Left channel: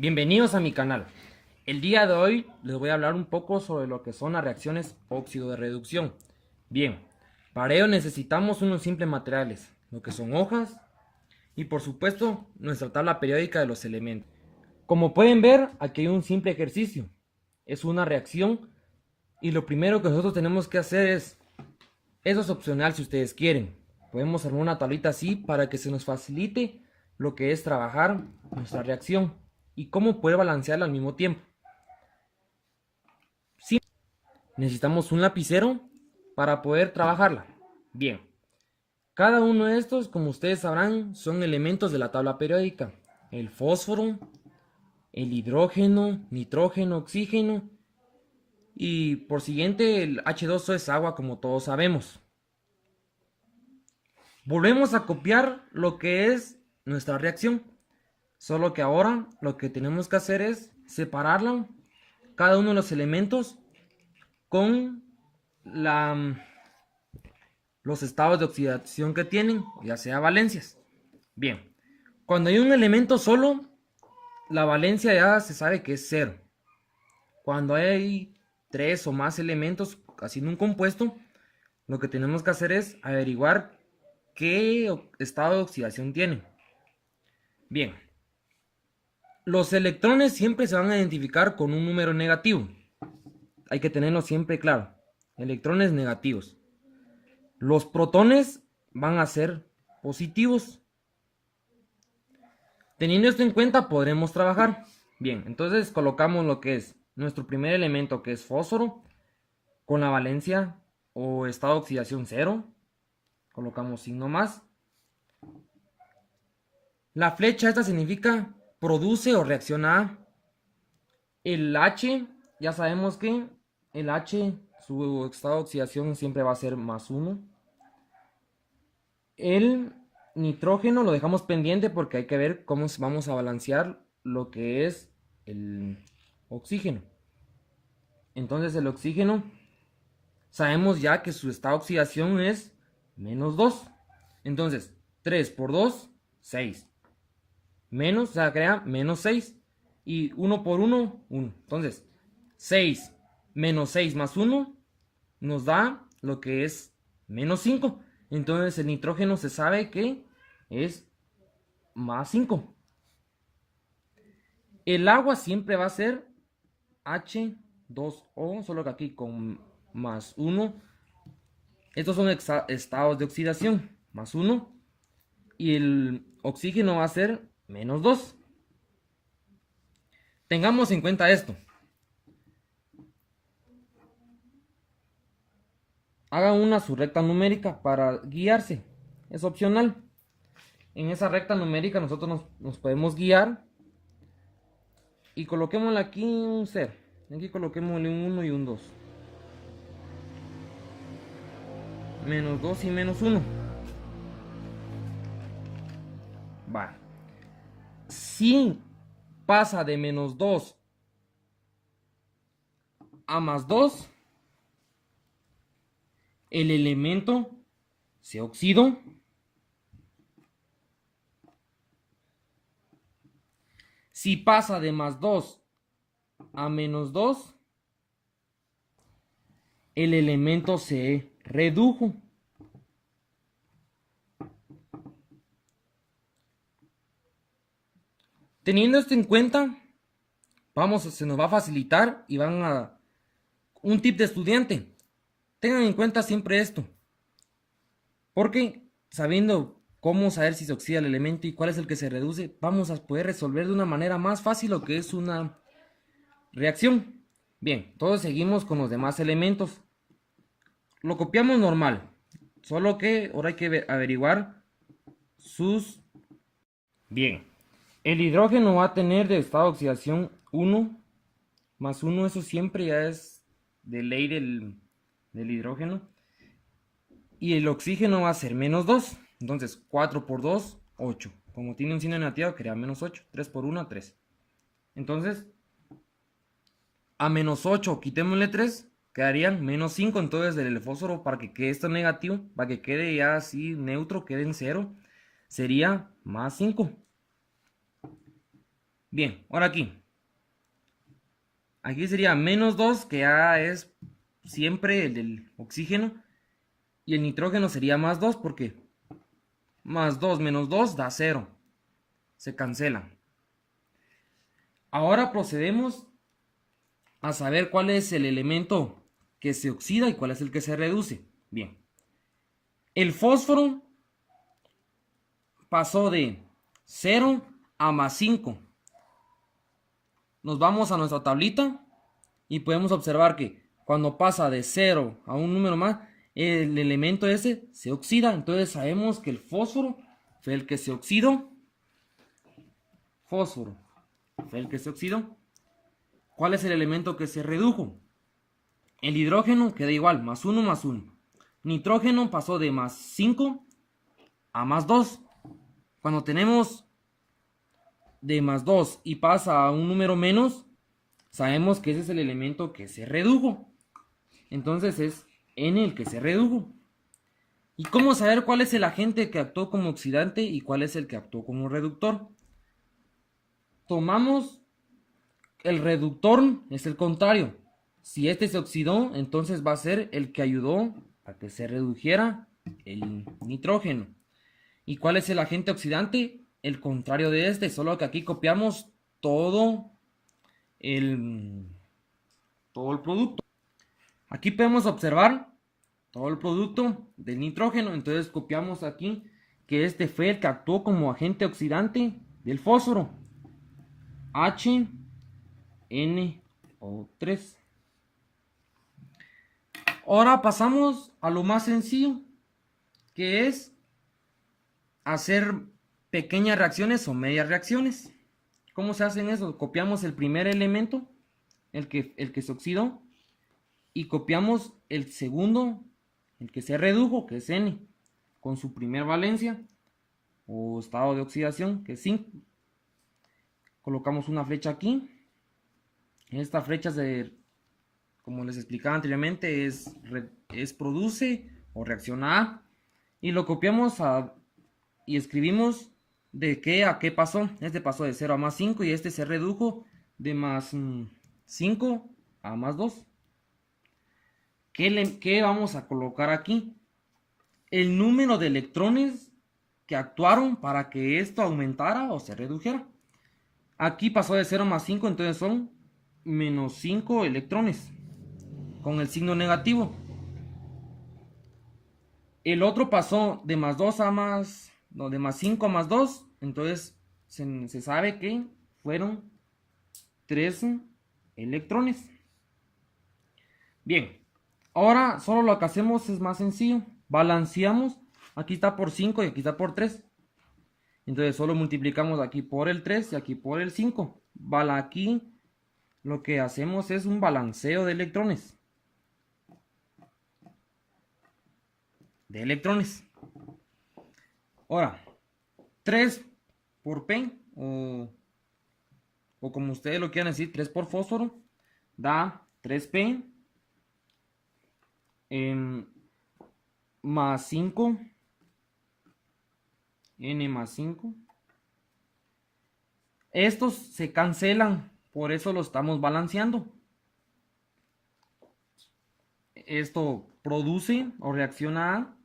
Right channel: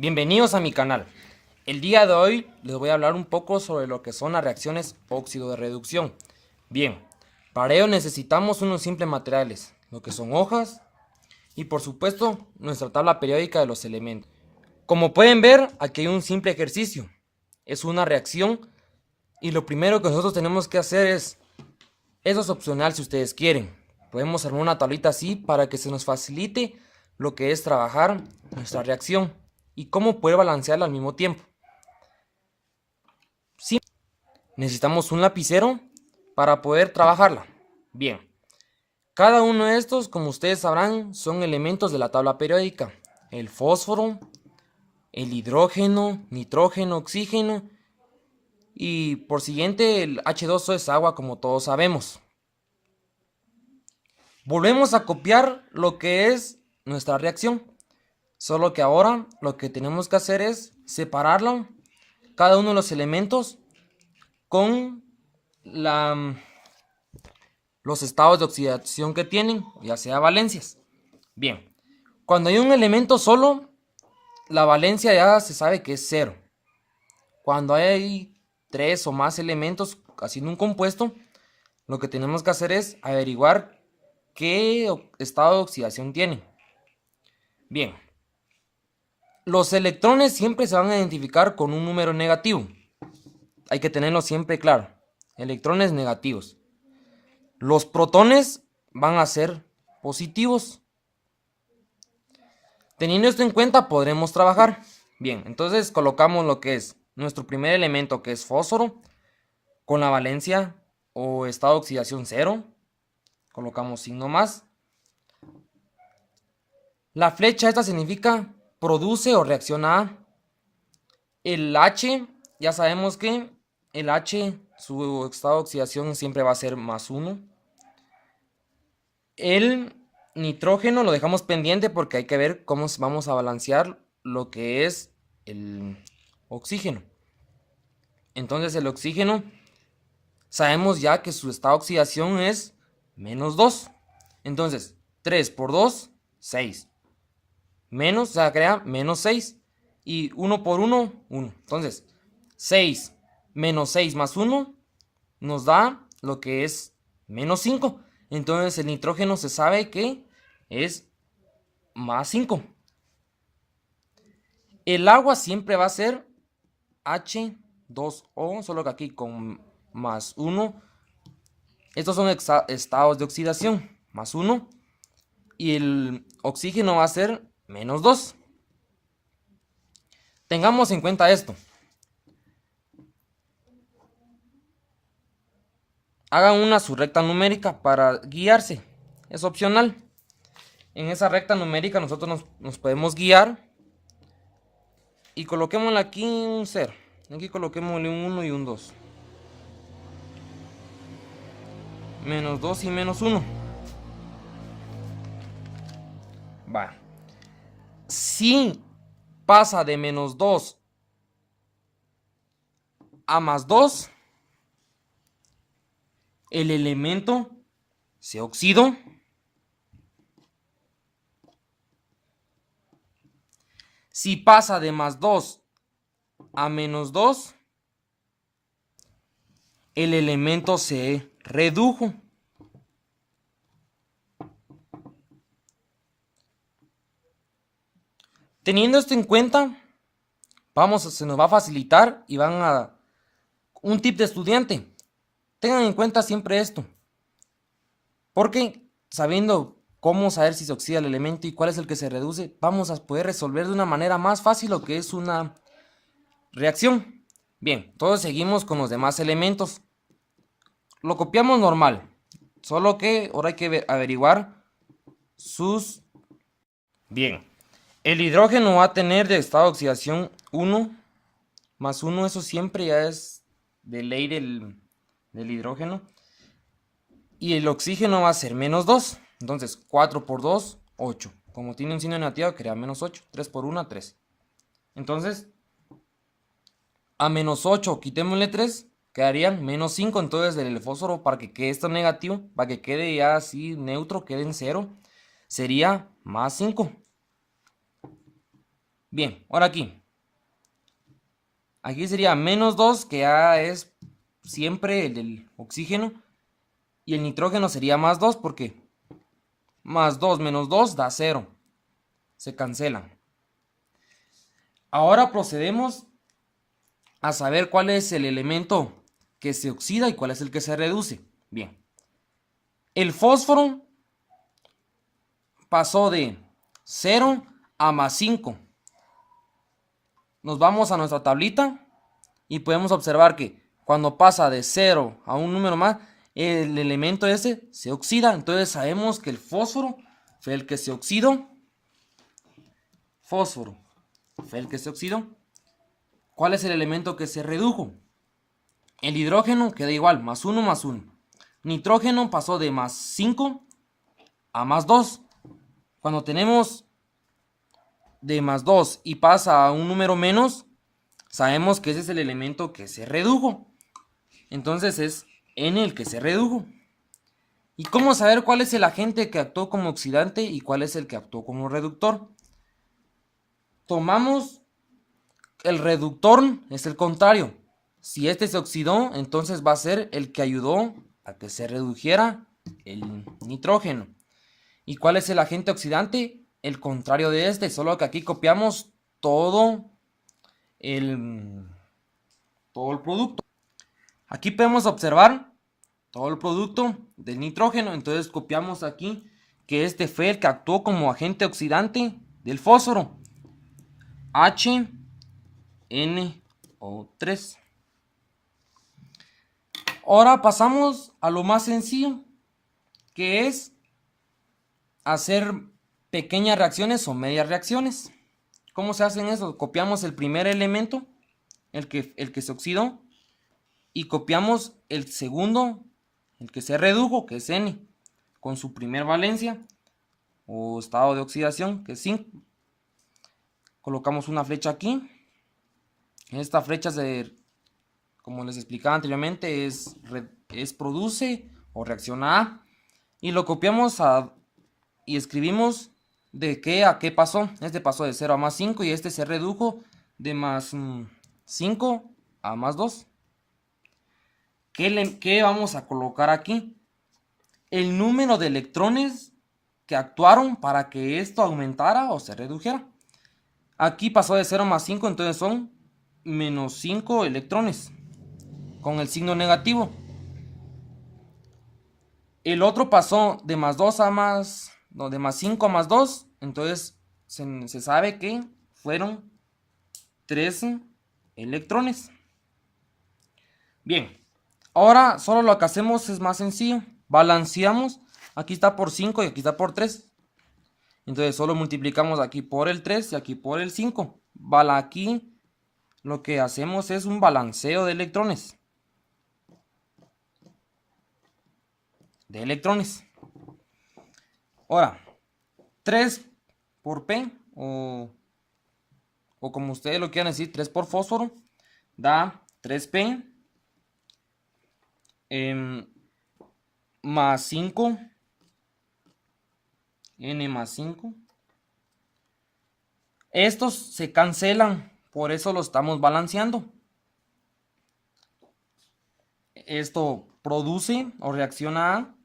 Bienvenidos a mi canal. El día de hoy les voy a hablar un poco sobre lo que son las reacciones óxido de reducción. Bien, para ello necesitamos unos simples materiales, lo que son hojas y por supuesto nuestra tabla periódica de los elementos. Como pueden ver, aquí hay un simple ejercicio. Es una reacción y lo primero que nosotros tenemos que hacer es, eso es opcional si ustedes quieren. Podemos armar una tablita así para que se nos facilite lo que es trabajar nuestra reacción y cómo poder balancearla al mismo tiempo. Sí, necesitamos un lapicero para poder trabajarla. Bien, cada uno de estos, como ustedes sabrán, son elementos de la tabla periódica. El fósforo, el hidrógeno, nitrógeno, oxígeno y por siguiente el H2O es agua, como todos sabemos. Volvemos a copiar lo que es nuestra reacción, solo que ahora lo que tenemos que hacer es separarla, cada uno de los elementos con los estados de oxidación que tienen, ya sea valencias. Bien, cuando hay un elemento solo, la valencia ya se sabe que es cero. Cuando hay tres o más elementos haciendo un compuesto, lo que tenemos que hacer es averiguar qué estado de oxidación tiene. Bien, los electrones siempre se van a identificar con un número negativo. Hay que tenerlo siempre claro. Electrones negativos. Los protones van a ser positivos. Teniendo esto en cuenta podremos trabajar. Bien, entonces colocamos lo que es nuestro primer elemento, que es fósforo, con la valencia o estado de oxidación 0. Colocamos signo más. La flecha esta significa produce o reacciona a. El H, ya sabemos que el H, su estado de oxidación siempre va a ser +1. El nitrógeno lo dejamos pendiente porque hay que ver cómo vamos a balancear lo que es el oxígeno. Entonces el oxígeno, sabemos ya que su estado de oxidación es -2. Entonces 3 por 2, 6. Menos, o sea, crea -6. Y 1 por 1, 1. Entonces 6 menos 6 más 1 nos da lo que es -5. Entonces el nitrógeno se sabe que es +5. El agua siempre va a ser H2O, solo que aquí con +1. Estos son estados de oxidación, +1. Y el oxígeno va a ser -2. Tengamos en cuenta esto. Hagan una su recta numérica para guiarse. Es opcional. En esa recta numérica nosotros nos podemos guiar. Y coloquémosle aquí un 0. Aquí coloquémosle un 1 y un 2. -2 y -1. Va. Si pasa de -2 a +2, el elemento se oxidó. Si pasa de +2 a -2, el elemento se redujo. Teniendo esto en cuenta, se nos va a facilitar y van a un tip de estudiante. Tengan en cuenta siempre esto, porque sabiendo cómo saber si se oxida el elemento y cuál es el que se reduce, vamos a poder resolver de una manera más fácil lo que es una reacción. Bien, entonces seguimos con los demás elementos. Lo copiamos normal, solo que ahora hay que averiguar sus... Bien, el hidrógeno va a tener de estado de oxidación 1, +1, eso siempre ya es de ley del hidrógeno. Y el oxígeno va a ser -2. Entonces 4 por 2, 8. Como tiene un signo negativo, crea -8. 3 por 1, 3. Entonces, a -8 quitémosle 3, quedarían -5. Entonces el fósforo, para que quede esto negativo, para que quede ya así neutro, quede en 0, sería +5. Bien, ahora aquí. Aquí sería menos 2, que ya es siempre el del oxígeno. Y el nitrógeno sería más 2, porque más 2 menos 2 da 0. Se cancela. Ahora procedemos a saber cuál es el elemento que se oxida y cuál es el que se reduce. Bien. El fósforo pasó de 0 a más 5. Nos vamos a nuestra tablita y podemos observar que cuando pasa de 0 a un número más, el elemento ese se oxida. Entonces sabemos que el fósforo fue el que se oxidó. Fósforo fue el que se oxidó. ¿Cuál es el elemento que se redujo? El hidrógeno queda igual, más 1 más 1. Nitrógeno pasó de más 5 a más 2. Cuando tenemos de más 2 y pasa a un número menos, sabemos que ese es el elemento que se redujo. Entonces es N el que se redujo. ¿Y cómo saber cuál es el agente que actuó como oxidante y cuál es el que actuó como reductor? Tomamos el reductor, es el contrario. Si este se oxidó, entonces va a ser el que ayudó a que se redujera el nitrógeno. ¿Y cuál es el agente oxidante? El contrario de este, solo que aquí copiamos todo el producto. Aquí podemos observar todo el producto del nitrógeno. Entonces copiamos aquí que este fue el que actuó como agente oxidante del fósforo. HNO3. Ahora pasamos a lo más sencillo, que es hacer pequeñas reacciones o medias reacciones. ¿Cómo se hacen eso? Copiamos el primer elemento, el que se oxidó, y copiamos el segundo, el que se redujo, que es N, con su primer valencia o estado de oxidación, que es 5. Colocamos una flecha aquí. Esta flecha, como les explicaba anteriormente, es produce o reacciona a. Y lo copiamos y escribimos de qué a qué pasó. Este pasó de 0 a más 5 y este se redujo de más 5 a más 2. ¿Qué vamos a colocar aquí? El número de electrones que actuaron para que esto aumentara o se redujera. Aquí pasó de 0 a más 5, entonces son menos 5 electrones con el signo negativo. El otro pasó de más 2 a más, no, de más 5 a más 2, entonces se sabe que fueron 3 electrones. Bien, ahora solo lo que hacemos es más sencillo. Balanceamos, aquí está por 5 y aquí está por 3. Entonces solo multiplicamos aquí por el 3 y aquí por el 5. Aquí lo que hacemos es un balanceo de electrones. Ahora, 3 por P, o como ustedes lo quieran decir, 3 por fósforo, da 3P más 5, N más 5. Estos se cancelan, por eso lo estamos balanceando. Esto produce o reacciona a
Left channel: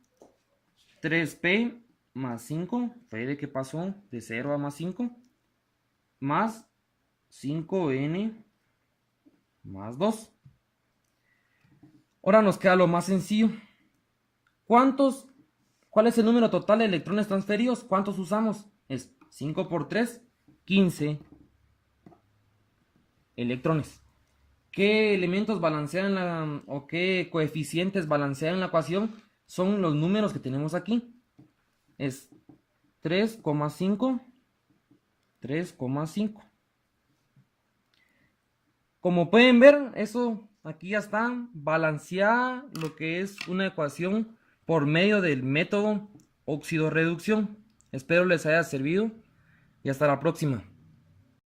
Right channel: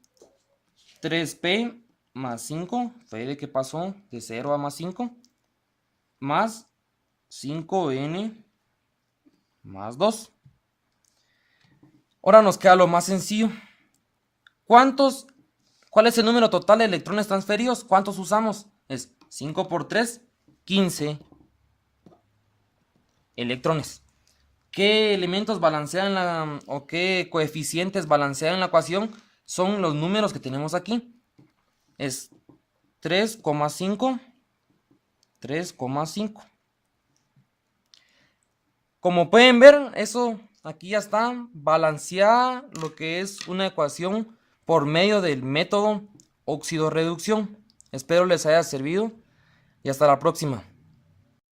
3P más 5, fue de que pasó de 0 a más 5, más 5N más 2. Ahora nos queda lo más sencillo. ¿Cuál es el número total de electrones transferidos? ¿Cuántos usamos? Es 5 por 3, 15 electrones. ¿Qué elementos balancean o qué coeficientes balancean la ecuación? Son los números que tenemos aquí. Es 3,5, 3,5. Como pueden ver, eso aquí ya está balanceada lo que es una ecuación por medio del método óxido-reducción. Espero les haya servido y hasta la próxima.